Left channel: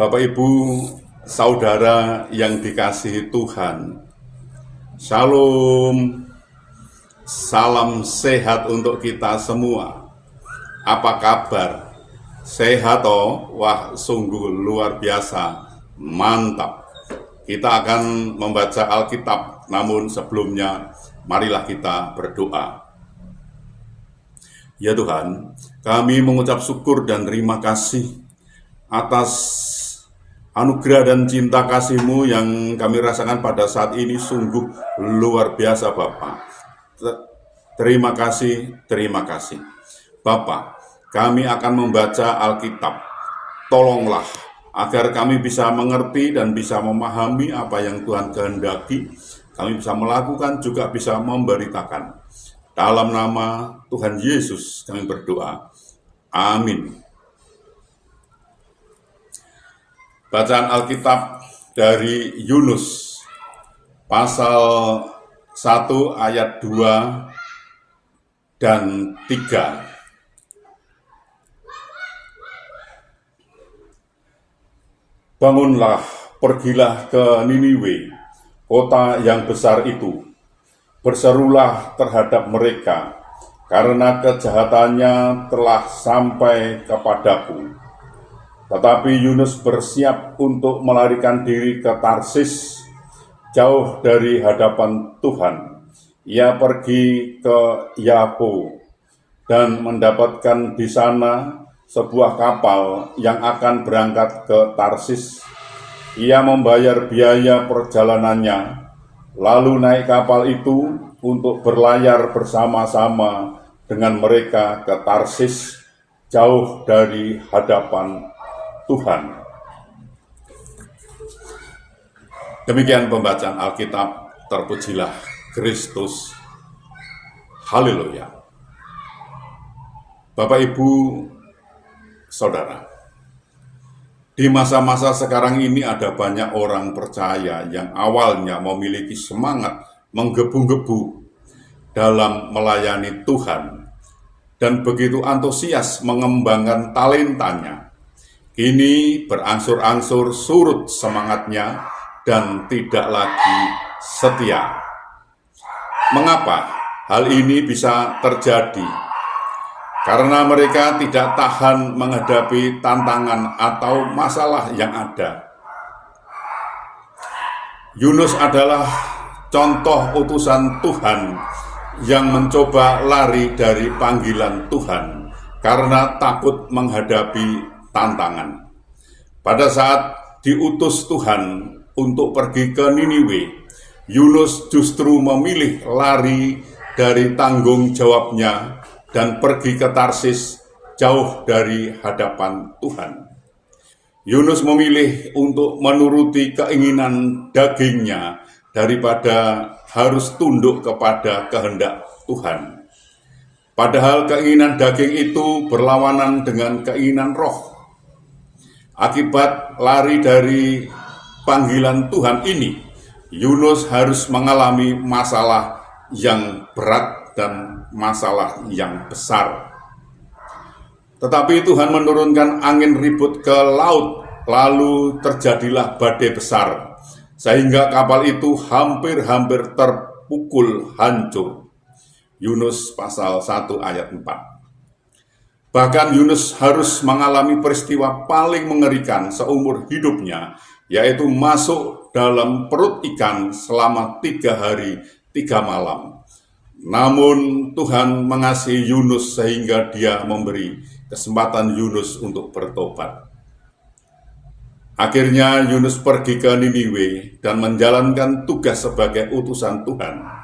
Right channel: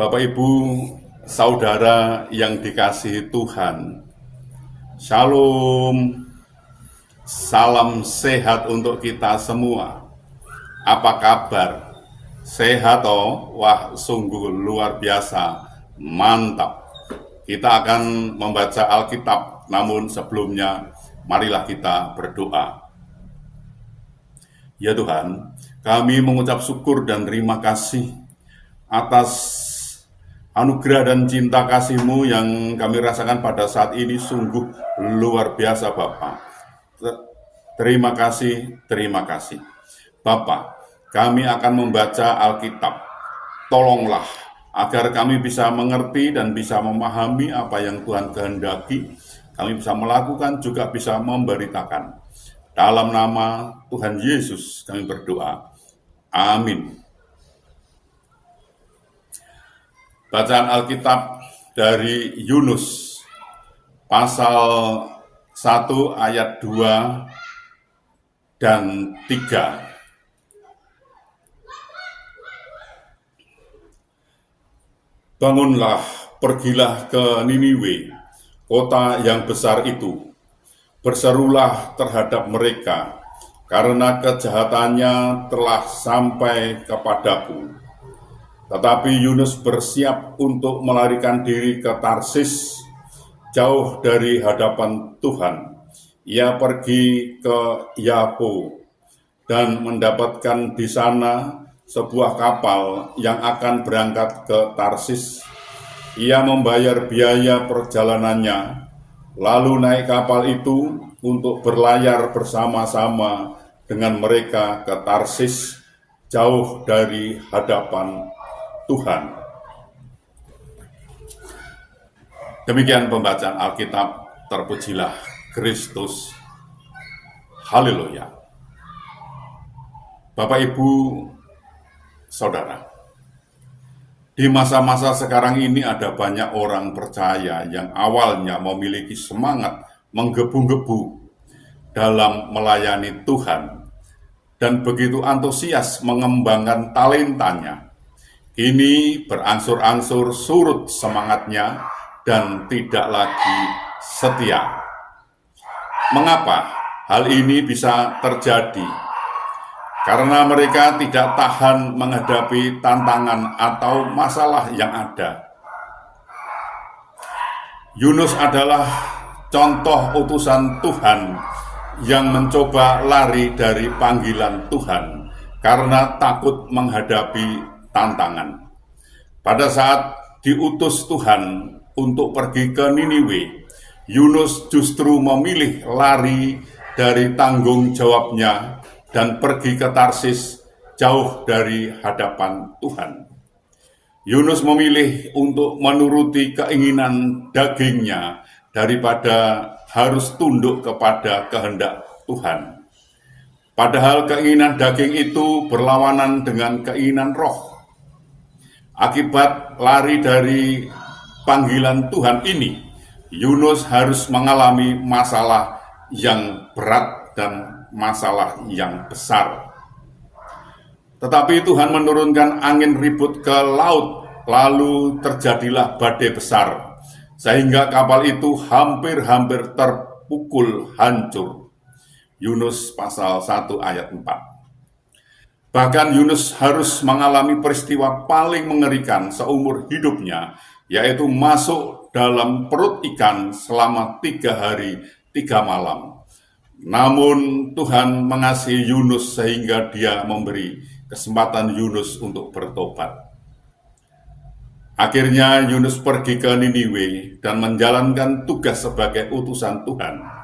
Bapak, Ibu, saudara yang dikasihi Tuhan, Shalom, salam sehat untuk kita semua. Apa kabar? Sehat toh? Wah, sungguh luar biasa, mantap. Kita akan membaca Alkitab, namun sebelumnya marilah kita berdoa. Ya Tuhan, kami mengucap syukur dan terima kasih atas anugerah dan cinta kasih-Mu yang kami rasakan pada saat ini sungguh luar biasa, Bapa. Terima kasih, terima kasih. Bapa, kami akan membaca Alkitab. Tolonglah agar kami bisa mengerti dan bisa memahami apa yang Tuhan kehendaki. Kami bisa melakukan, juga bisa memberitakan. Dalam nama Tuhan Yesus kami berdoa. Amin. Bacaan Alkitab dari Yunus pasal 1 ayat 2 dan 3. Bangunlah, pergilah ke Niniwe, kota yang besar itu. Berserulah terhadap mereka, karena kejahatannya telah sampai kepadaku. Tetapi Yunus bersiap untuk melarikan diri ke Tarsis, jauh dari hadapan Tuhan. Ia pergi ke Yapo dan mendapatkan di sana sebuah kapal yang akan berangkat ke Tarsis. Ia membayar biaya perjalanannya, lalu naik kapal itu untuk berlayar bersama-sama dengan mereka ke Tarsis, jauh dari hadapan Tuhan. Demikian pembacaan Alkitab. Terpujilah Kristus. Haleluya. Bapak, Ibu, saudara, di masa-masa sekarang ini ada banyak orang percaya yang awalnya memiliki semangat menggebu-gebu dalam melayani Tuhan dan begitu antusias mengembangkan talentanya. Kini berangsur-angsur surut semangatnya dan tidak lagi setia. Mengapa hal ini bisa terjadi? Karena mereka tidak tahan menghadapi tantangan atau masalah yang ada. Yunus adalah contoh utusan Tuhan yang mencoba lari dari panggilan Tuhan karena takut menghadapi tantangan. Pada saat diutus Tuhan untuk pergi ke Niniwe, Yunus justru memilih lari dari tanggung jawabnya dan pergi ke Tarsis, jauh dari hadapan Tuhan. Yunus memilih untuk menuruti keinginan dagingnya daripada harus tunduk kepada kehendak Tuhan. Padahal keinginan daging itu berlawanan dengan keinginan roh. Akibat lari dari panggilan Tuhan ini, Yunus harus mengalami masalah yang berat dan masalah yang besar. Tetapi Tuhan menurunkan angin ribut ke laut, lalu terjadilah badai besar, sehingga kapal itu hampir-hampir terpukul hancur. Yunus pasal 1 ayat 4. Bahkan Yunus harus mengalami peristiwa paling mengerikan seumur hidupnya, yaitu masuk dalam perut ikan selama 3 hari 3 malam. Namun Tuhan mengasihi Yunus sehingga dia memberi kesempatan Yunus untuk bertobat. Akhirnya Yunus pergi ke Niniwe dan menjalankan tugas sebagai utusan Tuhan.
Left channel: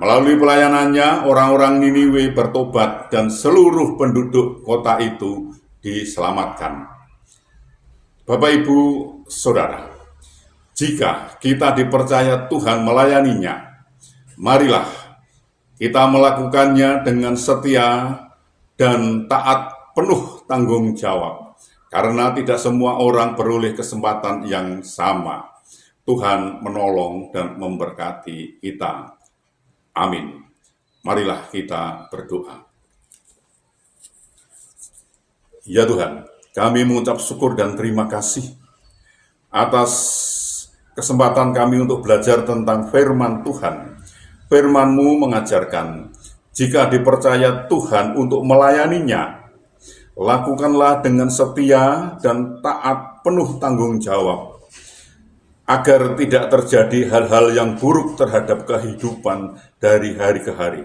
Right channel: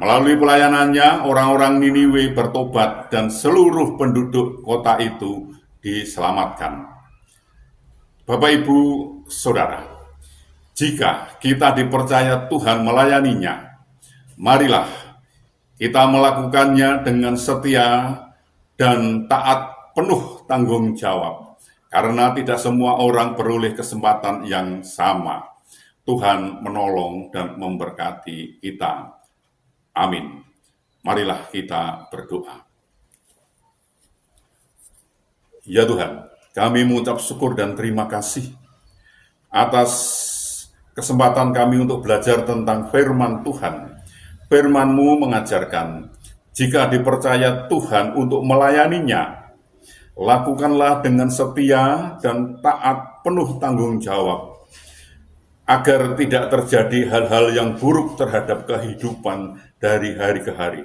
Melalui pelayanannya, orang-orang Niniwe bertobat dan seluruh penduduk kota itu diselamatkan. Bapak, Ibu, saudara, jika kita dipercaya Tuhan melayaninya, marilah kita melakukannya dengan setia dan taat penuh tanggung jawab, karena tidak semua orang beroleh kesempatan yang sama. Tuhan menolong dan memberkati kita. Amin. Marilah kita berdoa. Ya Tuhan, kami mengucap syukur dan terima kasih atas kesempatan kami untuk belajar tentang firman Tuhan. Firman-Mu mengajarkan, jika dipercaya Tuhan untuk melayaninya, lakukanlah dengan setia dan taat penuh tanggung jawab, agar tidak terjadi hal-hal yang buruk terhadap kehidupan dari hari ke hari.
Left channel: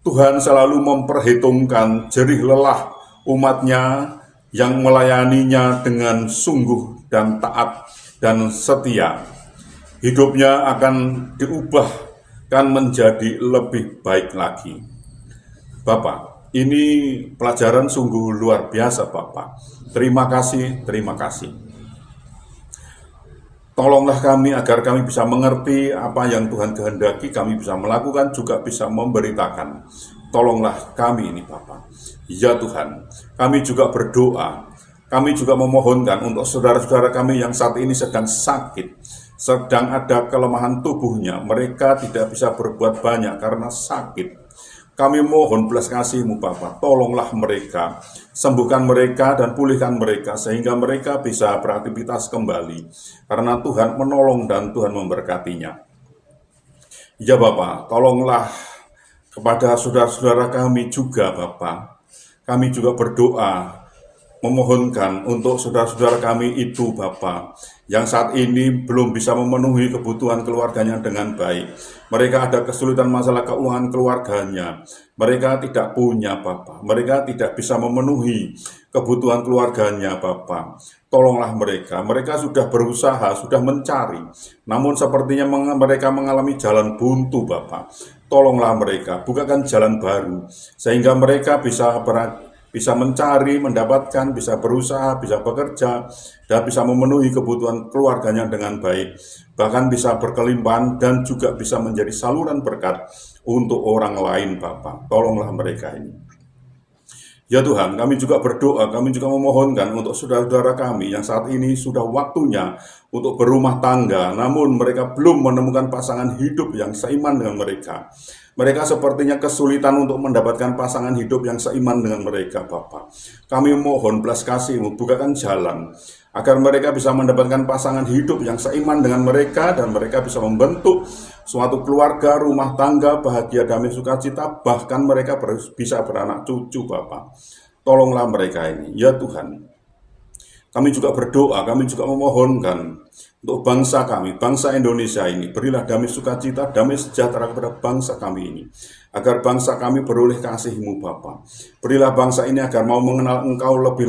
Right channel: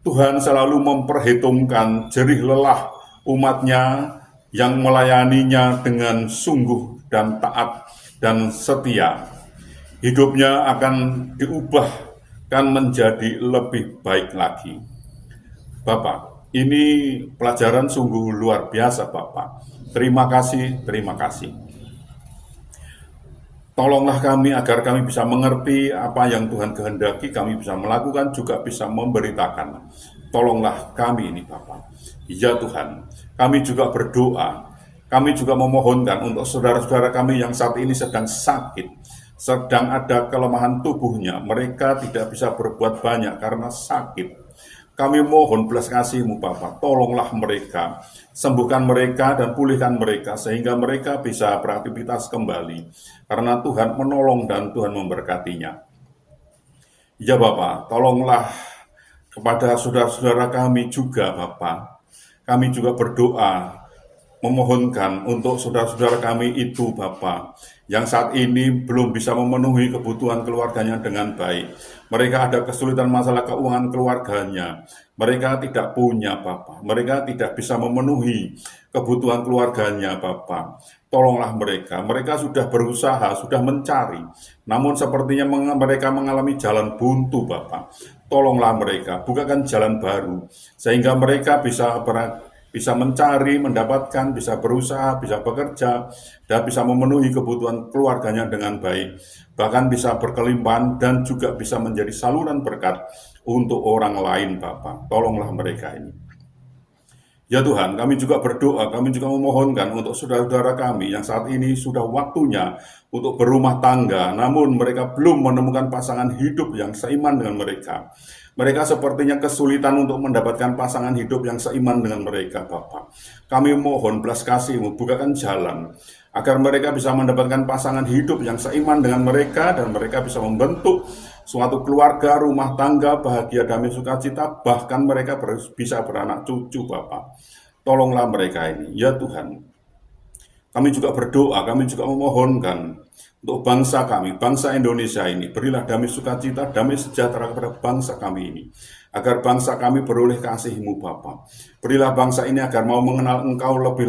Tuhan selalu memperhitungkan jerih lelah umat-Nya yang melayaninya dengan sungguh dan taat dan setia. Hidupnya akan diubahkan menjadi lebih baik lagi. Bapak, ini pelajaran sungguh luar biasa, Bapak. Terima kasih, terima kasih. Tolonglah kami agar kami bisa mengerti apa yang Tuhan kehendaki, kami bisa melakukan, juga bisa memberitakan. Tolonglah kami ini, Bapa. Ya Tuhan, kami juga berdoa, kami juga memohonkan untuk saudara-saudara kami yang saat ini sedang sakit, sedang ada kelemahan tubuhnya, mereka tidak bisa berbuat banyak karena sakit. Kami mohon belas kasih-Mu Bapa, tolonglah mereka, sembuhkan mereka dan pulihkan mereka sehingga mereka bisa beraktivitas kembali, karena Tuhan menolong dan Tuhan memberkatinya. Ya Bapa, tolonglah kepada saudara-saudara kami juga Bapa. Kami juga berdoa, memohonkan untuk saudara-saudara kami itu Bapa, yang saat ini belum bisa memenuhi kebutuhan keluarganya dengan baik. Mereka ada kesulitan masalah keuangan keluarganya. Mereka tidak punya Bapa. Mereka tidak bisa memenuhi kebutuhan keluarganya Bapa. Tolonglah mereka. Mereka sudah berusaha, sudah mencari. Namun sepertinya mereka mengalami jalan buntu Bapa. Tolonglah mereka, bukakan jalan baru sehingga mereka bisa mencari, mendapatkan, bisa berusaha, bisa bekerja, dan bisa memenuhi kebutuhan keluarganya dengan baik. Bahkan bisa berkelimpahan dan juga bisa menjadi saluran berkat untuk orang lain, Bapak. Tolonglah mereka ini. Ya Tuhan, kami juga berdoa, kami juga memohonkan untuk saudara-saudara kami yang saat ini sudah waktunya untuk berumah tangga, namun mereka belum menemukan pasangan hidup yang seiman dengan mereka. Mereka sepertinya kesulitan untuk mendapatkan pasangan hidup yang seiman dengan mereka, Bapak. Kami mohon belas kasih-Mu, bukakan jalan, agar mereka bisa mendapatkan pasangan hidup yang seiman dengan mereka, dan mereka bisa membentuk suatu keluarga, rumah tangga, bahagia, damai, sukacita, bahkan mereka bisa beranak cucu, Bapak. Tolonglah mereka ini, ya Tuhan. Kami juga berdoa, kami juga memohonkan untuk bangsa kami, bangsa Indonesia ini, berilah damai sukacita, damai sejahtera kepada bangsa kami ini, agar bangsa kami beroleh kasih-Mu Bapa. Berilah bangsa ini agar mau mengenal Engkau lebih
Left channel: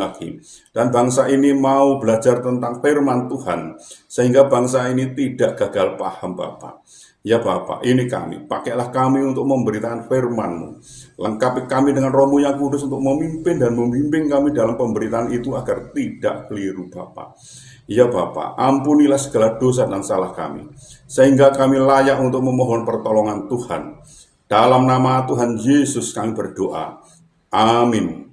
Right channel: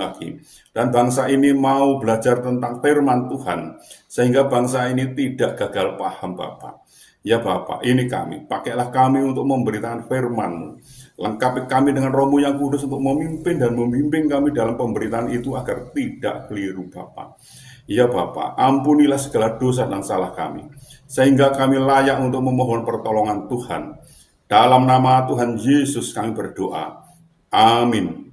lagi, dan bangsa ini mau belajar tentang firman Tuhan, sehingga bangsa ini tidak gagal paham Bapa. Ya Bapa, ini kami, pakailah kami untuk memberitakan firman-Mu. Lengkapi kami dengan Roh-Mu yang kudus untuk memimpin dan membimbing kami dalam pemberitaan itu agar tidak keliru Bapa. Ya Bapa, ampunilah segala dosa dan salah kami, sehingga kami layak untuk memohon pertolongan Tuhan. Dalam nama Tuhan Yesus kami berdoa. Amin.